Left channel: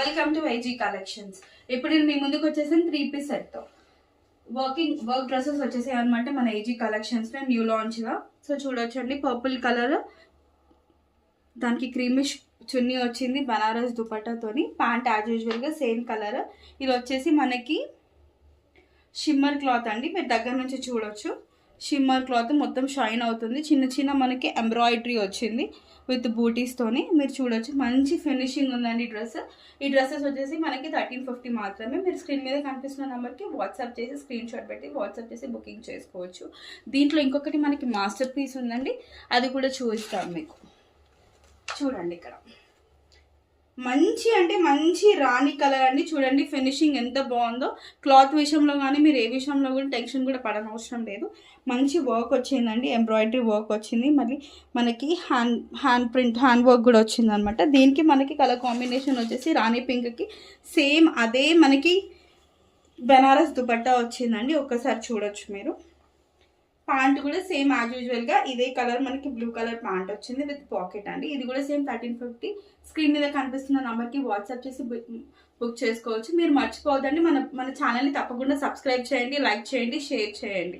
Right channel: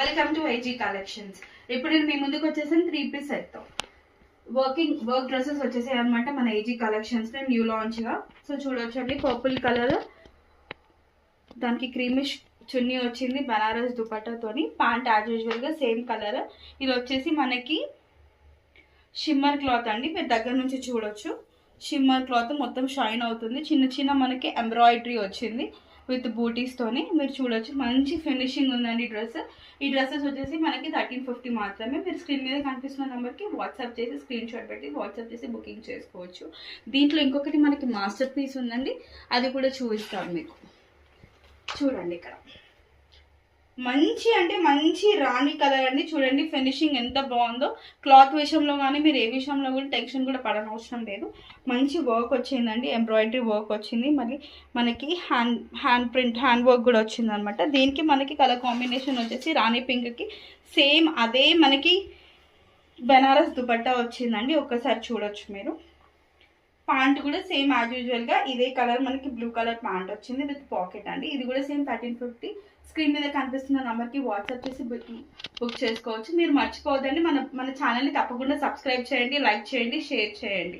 Welcome to IG collections. ఇప్పుడు నేను మీ ముందుకు వచ్చేసాను 3 పీస్ సెట్తో. వర్క్ డ్రెస్సెస్ వచ్చేసాయి అనమాట మన ఐజీ కలెక్షన్స్లో న్యూ లాంచ్గా. సో చూడొచ్చండి, పర్పుల్ కలర్, దానికి క్రీమిష్ చున్నీ వచ్చింది బనారస్ దుపట్టాతోని. ప్యాంట్ యాజ్ యూజువల్గా సేమ్ కలర్. ఇది వచ్చేసి మనకి షిమ్మర్ క్లాత్ అండి, మీరు దగ్గర నుంచి చూడొచ్చు. షిమ్మర్ క్లాత్ మొత్తం షైన్ అవుతుంది. చిన్న చిన్న మనకి ఎంబ్రాయిడరీ వచ్చింది విత్ బూటీస్తోని. మీరు చూడొచ్చు, మంచి ఫినిషింగ్ ఉందండి డ్రెస్. ఈ డ్రెస్సెస్ వచ్చేసి మనకి 1350 మాత్రమే. మీరు స్క్రీన్ మీద కనిపిస్తున్న నెంబర్కి వాట్సాప్ చేసి స్క్రీన్ షాట్ పెట్టి వాట్సాప్ చేసి బుకింగ్ చేసుకోవచ్చు. దీంట్లో ఇంకొకటి మనకి మాస్టర్ పీస్ ఉందండి, అది కూడా చూపిస్తాను మీకు. చూడండి, ఇక్కడ మంచి అంటే మంచి రాణి కలర్ అండి. చూడండి ఫినిషింగ్ ఎంత బాగుందో. క్లాత్ విషయంలో కానీ మీరు ఏ విషయంలో కూడా టెన్షన్ కూడా పడనవసరం లేదు. మంచి వర్క్ వచ్చిందండి, ఎంబ్రాయిడరీ వర్క్ వచ్చింది. మళ్ళీ మనకి హ్యాండ్ వర్క్ కూడా వచ్చింది అనమాట. దీనికి మనకి కలర్ కాంబినేషన్ వచ్చేసి రాణి పింక్కి సేమ్ అదే మనకి బెనారస్ దుపట్టా వచ్చిందండి. ఒక్కసారి చూడొచ్చు మీరు. ప్యాంట్ కూడా సేమ్ యాజ్ యూజువల్గా ఇదే కలర్ మనకి బ్లూ కలర్ ప్యాంట్ వచ్చింది విత్ పాకెట్ అండి. ఇది కూడా సేమ్ 1350. స్క్రీన్ మీద కనిపిస్తున్న నెంబర్కి వాట్సాప్ చేసి బుక్ చేసుకోవచ్చు. మీరు మర్చిపోవద్దండి, మన ఛానల్ని తప్పకుండా సబ్స్క్రైబ్ చేయండి, లైక్ చేయండి, షేర్ చేయండి.